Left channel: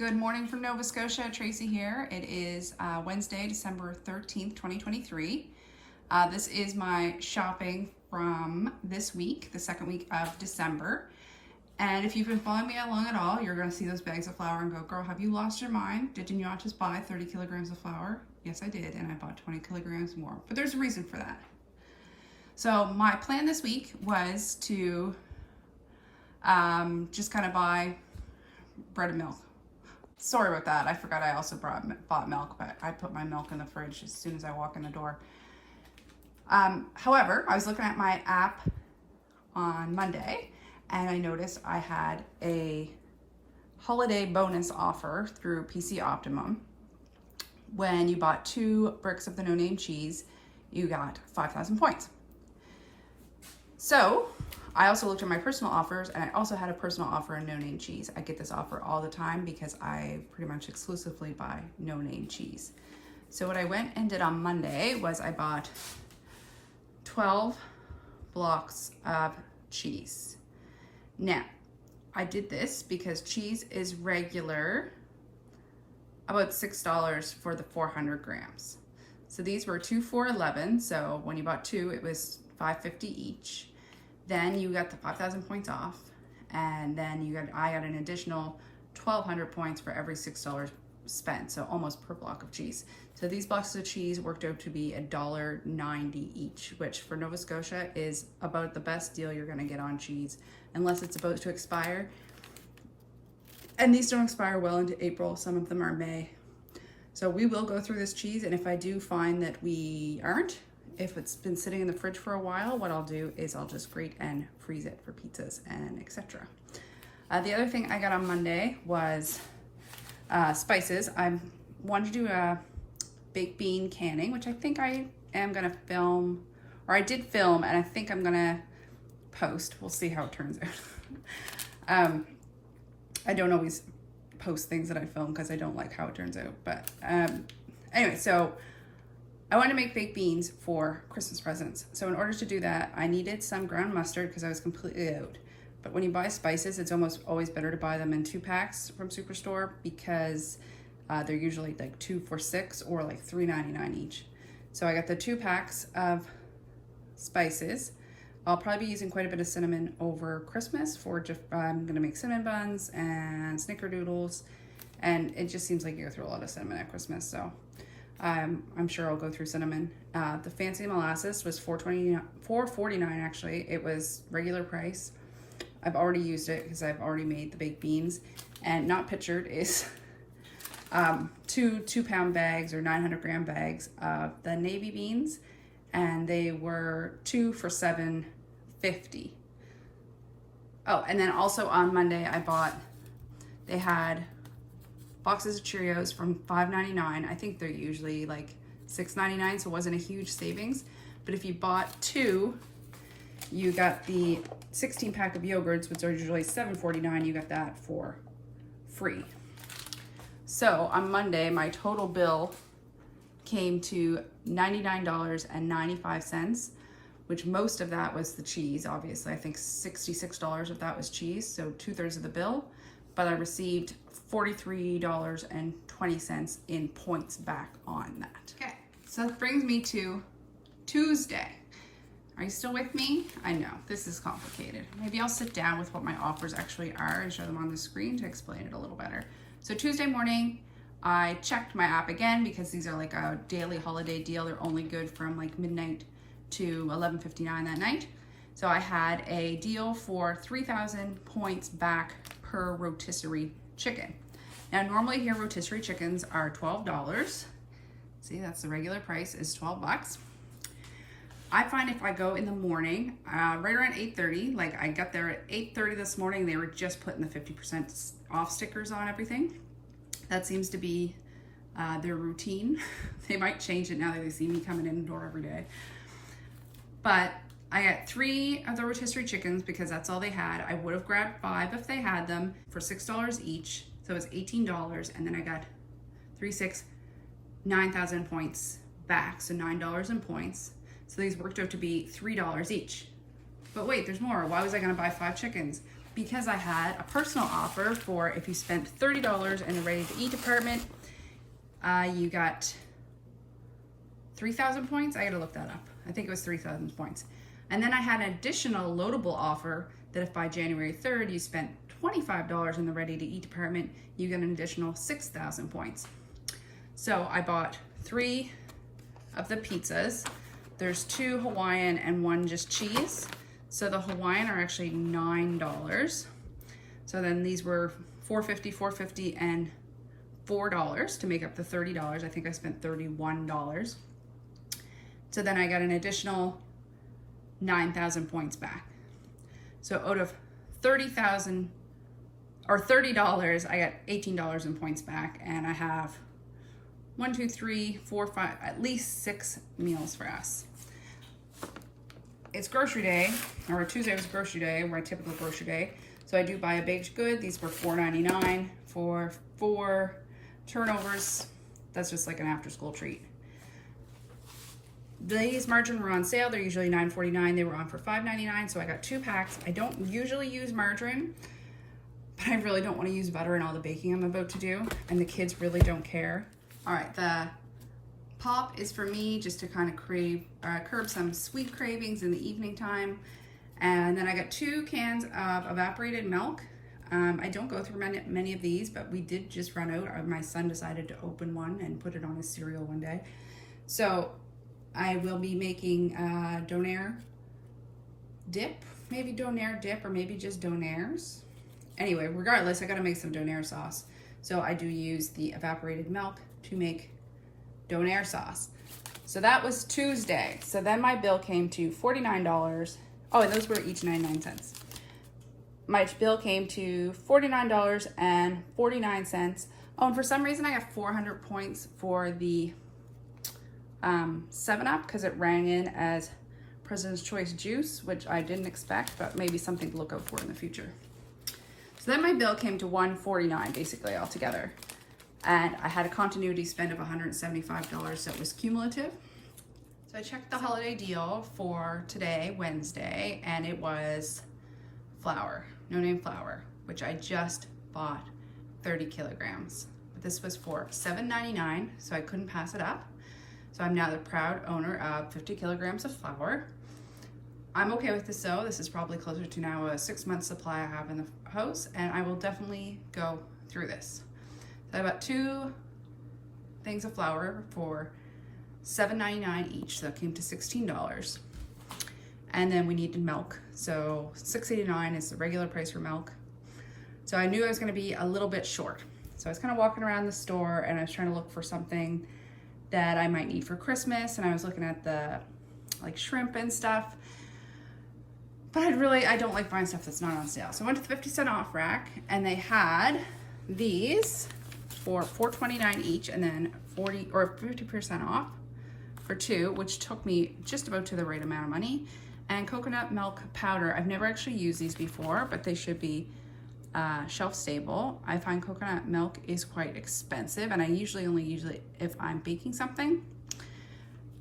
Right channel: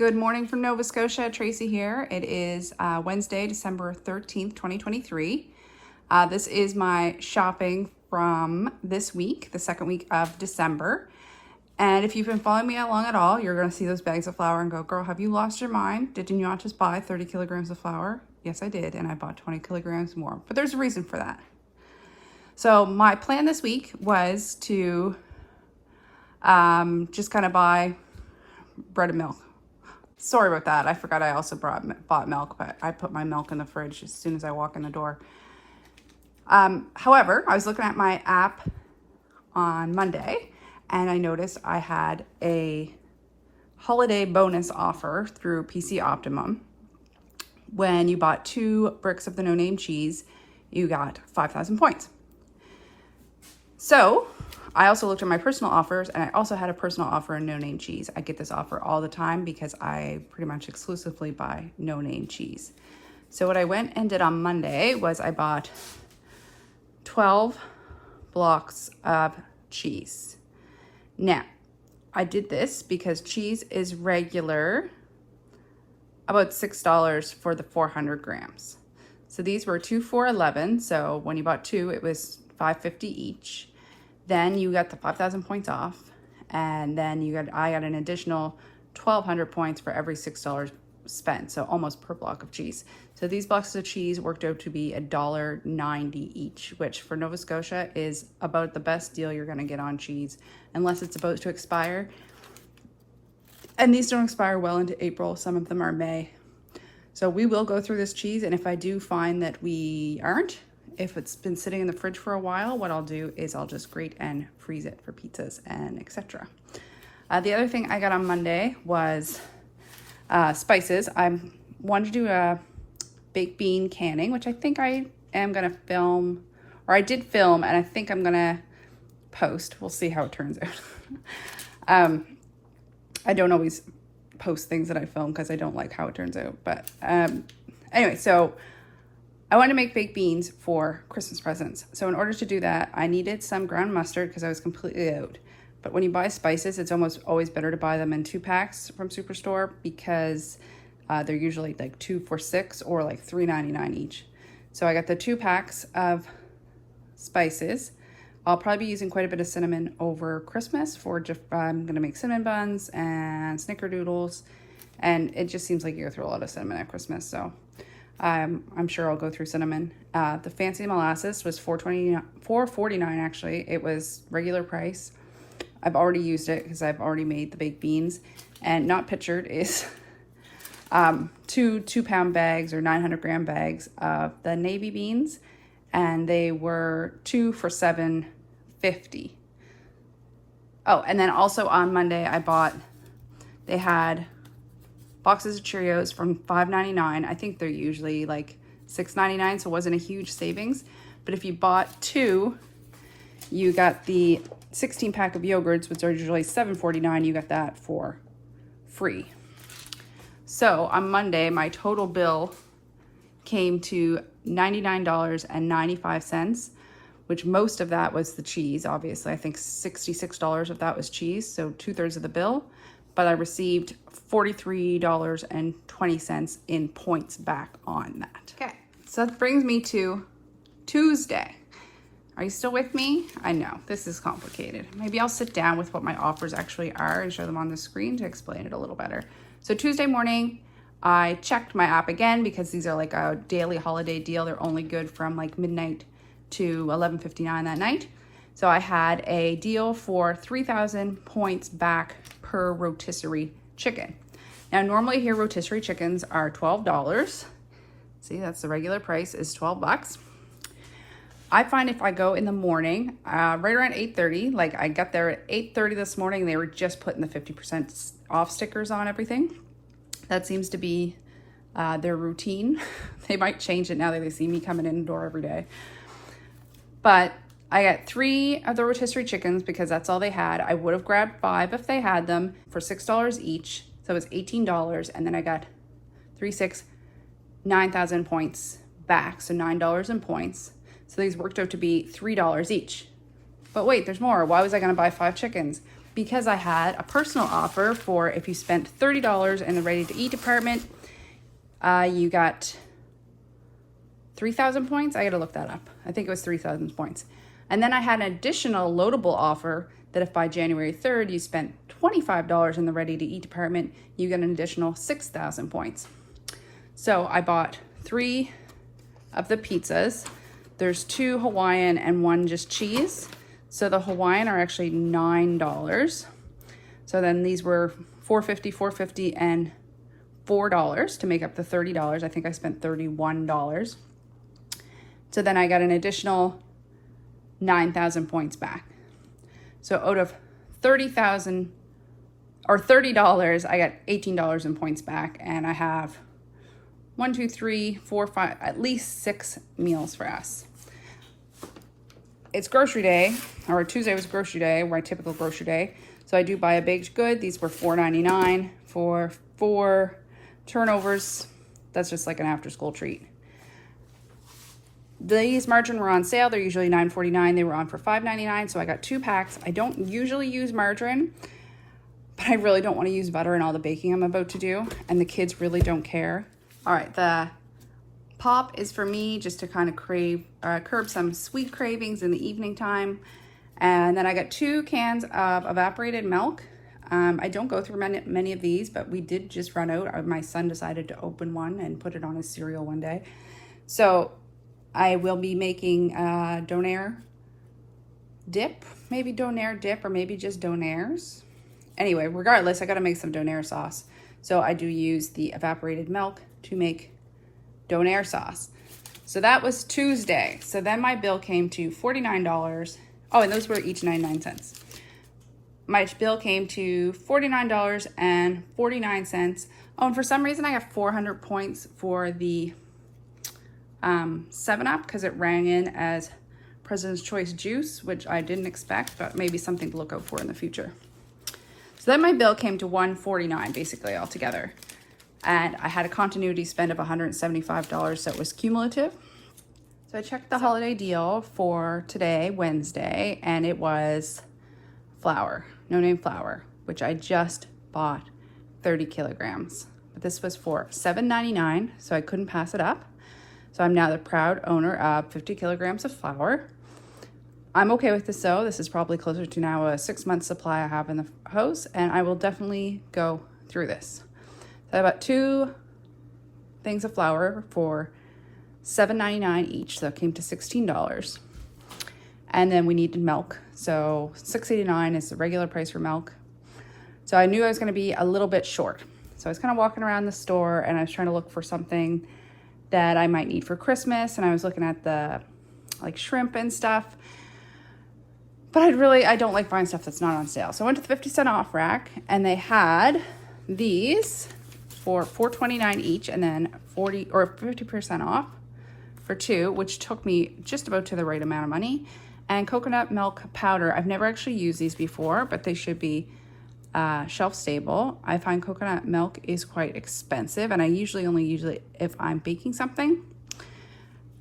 Good morning from Nova Scotia. Tracy here. It is Wednesday, December 13th, 2023. This is my shopping from this week, the second week of December. And if you've been following me along at all, you're going to see those bags of flour and go, girl, have you lost your mind? Did you not just buy 30 kilograms of flour? Yes, I did. And I bought 20 kilograms more. But there's a reason for that. So my plan this week was to just kind of buy bread and milk. Sorry about that. I forgot I also bought milk, but I put my milk in the fridge as soon as I walk in the door. However, I was looking at my app on Monday and I noticed I had a holiday bonus offer through PC Optimum. When you bought 2 bricks of the no-name cheese, you got 5,000 points. So I also looked at my personal offers, and I also had a personal offer in no-name cheese. I get this offer all the time because I pretty much exclusively buy no-name cheese. So what I went and did on Monday was I bought 12 blocks of cheese. Now, I did this because cheese is regular about $6 for the 400 grams. So these were 2 for $11. So when you bought 2, it was $5.50 each. Then you got the 5,000 points off, and then I got an additional 1,200 points for every $6 spent, so almost per block of cheese. So these blocks of cheese worked out to be $1.90 each, which for Nova Scotia is about the best deal you're gonna get on cheese, unless it's about to expire. And these don't expire well into April, some of them are May. So we will go through this cheese, and if I do find that we aren't, if it's been sitting in the fridge for a while, what I'll do is I'll just grate and freeze it for pizzas and etc. The other thing I got on Monday was spices. I wanted to do a baked bean canning, which I think I am gonna film, or I did film, and I think I'm gonna post. We'll see how it turns out. I don't always post things that I film because I don't like how it turns out. But anyway, so I wanted to make baked beans for Christmas presents. So in order to do that, I needed some ground mustard because I was completely out. But when you buy spices, it's almost always better to buy them in 2 packs from Superstore because they're usually like 2 for $6 or like $3.99 each. So I got the 2 packs of spices. I'll probably be using quite a bit of cinnamon over Christmas I'm gonna make cinnamon buns and snickerdoodles. And it just seems like you go through a lot of cinnamon at Christmas, so. I'm sure I'll go through cinnamon. The fancy molasses was $4.49 actually. It was regular price. I've already used it because I've already made the baked beans. And not pictured is 2 2-pound bags or 900 gram bags of the navy beans. And they were 2 for $7.50. Oh, and then also on Monday they had boxes of Cheerios from $5.99. I think they're usually like $6.99, so it wasn't a huge savings. But if you bought 2, you got the 16 pack of yogurts, which are usually $7.49. You got that for free. So on Monday, my total bill came to $99.95, which most of that was the cheese, obviously. I think $66 of that was cheese, so 2/3 of the bill. But I received $43.20 in points back on that. Okay, so that brings me to Tuesday. Are you still with me? I know, this is complicated. Maybe I'll sit down with what my offers actually are and show them on the screen to explain it a little better. So Tuesday morning, I checked my app again because these are like a daily holiday deal. They're only good from like midnight to 11:59 that night. So I had a deal for 3,000 points back per rotisserie chicken. Now normally here rotisserie chickens are $12. See, that's the regular price is 12 bucks. I find if I go in the morning, right around 8:30, like I got there at 8:30 this morning, they were just putting the 50% off stickers on everything. That seems to be their routine. They might change it now that they see me coming in the door every day. But I got 3 of the rotisserie chickens because that's all they had. I would have grabbed 5 if they had them for $6 each. So it was $18. And then I got 3, 6, 9,000 points back. So $9 in points. So these worked out to be $3 each. But wait, there's more. Why was I gonna buy 5 chickens? because I had a personal offer for if you spent $30 in the ready-to-eat department, you got 3,000 points. I gotta look that up. I think it was 3,000 points. And then I had an additional loadable offer that if by January 3rd you spent $25 in the ready-to-eat department, you get an additional 6,000 points. So I bought 3 of the pizzas. There's 2 Hawaiian and 1 just cheese. So the Hawaiian are actually $9. So then these were $4.50, $4.50, and $4 to make up the $30. I think I spent $31. So then I got an additional 9,000 points back. So out of 30,000 or $30, I got $18 in points back, and I have 1, 2, 3, 4, 5, at least 6 meals for us. It's grocery day, or Tuesday was grocery day, my typical grocery day. So I do buy a baked good. These were $4.99 for 4 turnovers. That's just like an after school treat. These margarine were on sale. They're usually $9.49. They were on for $5.99. So I got 2 packs. I don't usually use margarine, but I really don't want to use butter in all the baking I'm about to do. And the kids really don't care. All right, the pop is for me just to kind of curb some sweet cravings in the evening time. And then I got 2 cans of evaporated milk. I don't go through many of these, but we did just run out. My son decided to open one and put it on his cereal one day. So I will be making donair dip, maybe donair dip, or maybe just donairs. Anyway, regardless, I gotta make some donair sauce. So I do use the evaporated milk to make donair sauce. So that was Tuesday. So then my bill came to $49. Oh, and those were each 99 cents. My bill came to $49.49. Oh, and for some reason I got 400 points for the 7-Up because it rang in as President's Choice juice, which I didn't expect, but maybe something to look out for in the future. So then my bill came to $149 basically altogether. And I had a continuity spend of $175, so it was cumulative. So I checked the holiday deal for today, Wednesday, and it was flour, no name flour, which I just bought 30 kilograms. But this was for $7.99, so I couldn't pass it up. So I'm now the proud owner of 50 kilograms of flour. I'm okay with this though. This is probably closer to now a 6-month supply I have in the house, and I will definitely go through this. So I bought 2 things of flour for $7.99 each, so that came to $16. And then we needed milk, so $6.89 is the regular price for milk. So I knew I was gonna be a little bit short. So I was kind of walking around the store and I was trying to look for something that I might need for Christmas, and I was looking at the like shrimp and stuff. But I don't like buying stuff that's not on sale. So I went to the 50-cent off rack, and they had these for $4.29 each, and then 40 or 50% off for 2, which took me just about to the right amount of money. And coconut milk powder. I've never actually used these before, but they should be shelf stable. I find coconut milk is quite expensive, and I usually only use it if I'm baking something.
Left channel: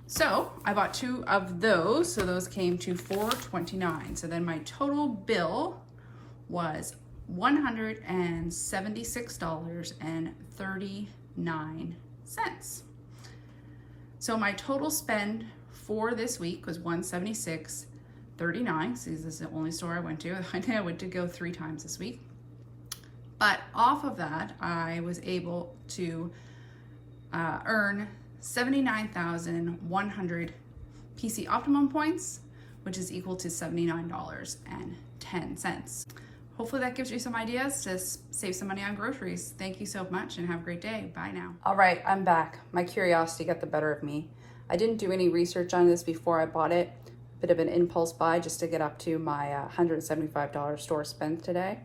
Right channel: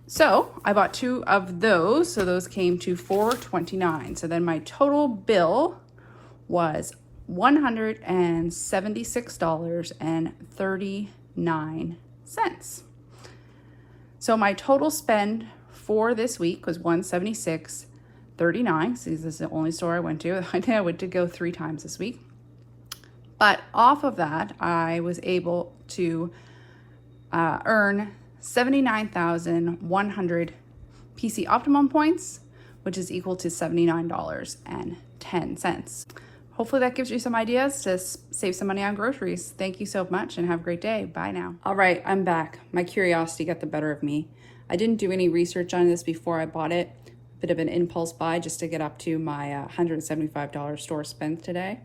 So I bought 2 of those, so those came to $4.29. So then my total bill was $176.39. So my total spend for this week was $176.39. See, this is the only store I went to. I went to go 3 times this week. But off of that, I was able to earn 79,100 PC Optimum points, which is equal to $79.10. Hopefully that gives you some ideas to save some money on groceries. Thank you so much and have a great day. Bye now. All right, I'm back. My curiosity got the better of me. I didn't do any research on this before I bought it. Bit of an impulse buy just to get up to my $175 store spend today.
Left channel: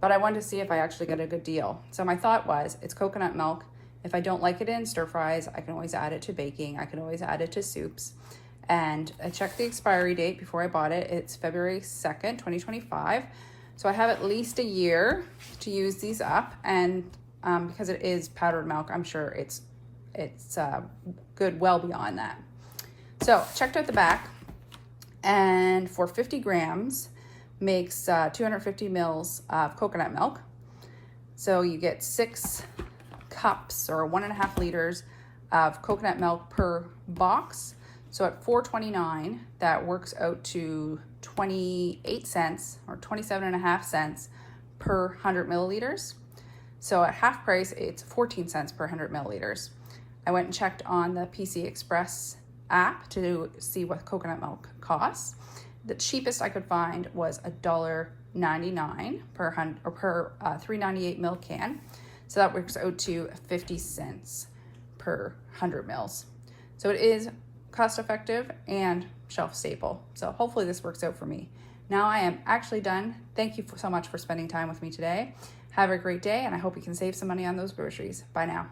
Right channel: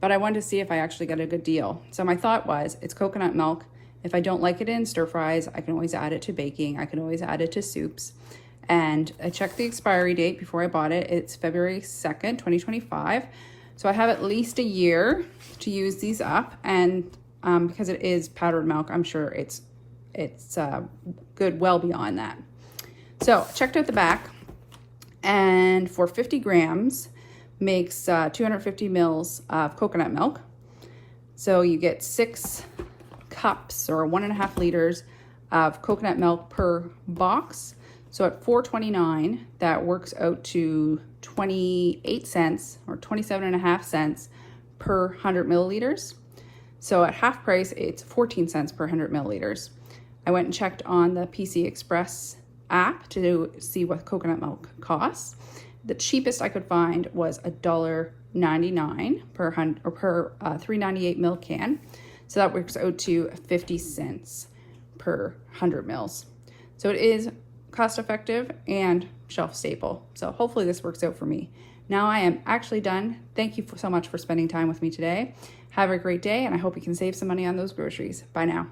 But I wanted to see if I actually got a good deal. So my thought was, it's coconut milk. If I don't like it in stir fries, I can always add it to baking. I can always add it to soups. And I checked the expiry date before I bought it. It's February 2nd, 2025. So I have at least a year to use these up. And because it is powdered milk, I'm sure it's good well beyond that. So checked out the back, and for 50 grams, makes 250 mils of coconut milk. So you get 6 cups or 1.5 liters of coconut milk per box. So at $4.29, that works out to 28 cents or 27.5 cents per 100 milliliters. So at half price, it's 14 cents per 100 milliliters. I went and checked on the PC Express app to see what coconut milk costs. The cheapest I could find was $1.99 per 398 milk can. So that works out to 50 cents per 100 mils. So it is cost effective and shelf staple. So hopefully this works out for me. Now I am actually done. Thank you so much for spending time with me today. Have a great day, and I hope you can save some money on those groceries. Bye now.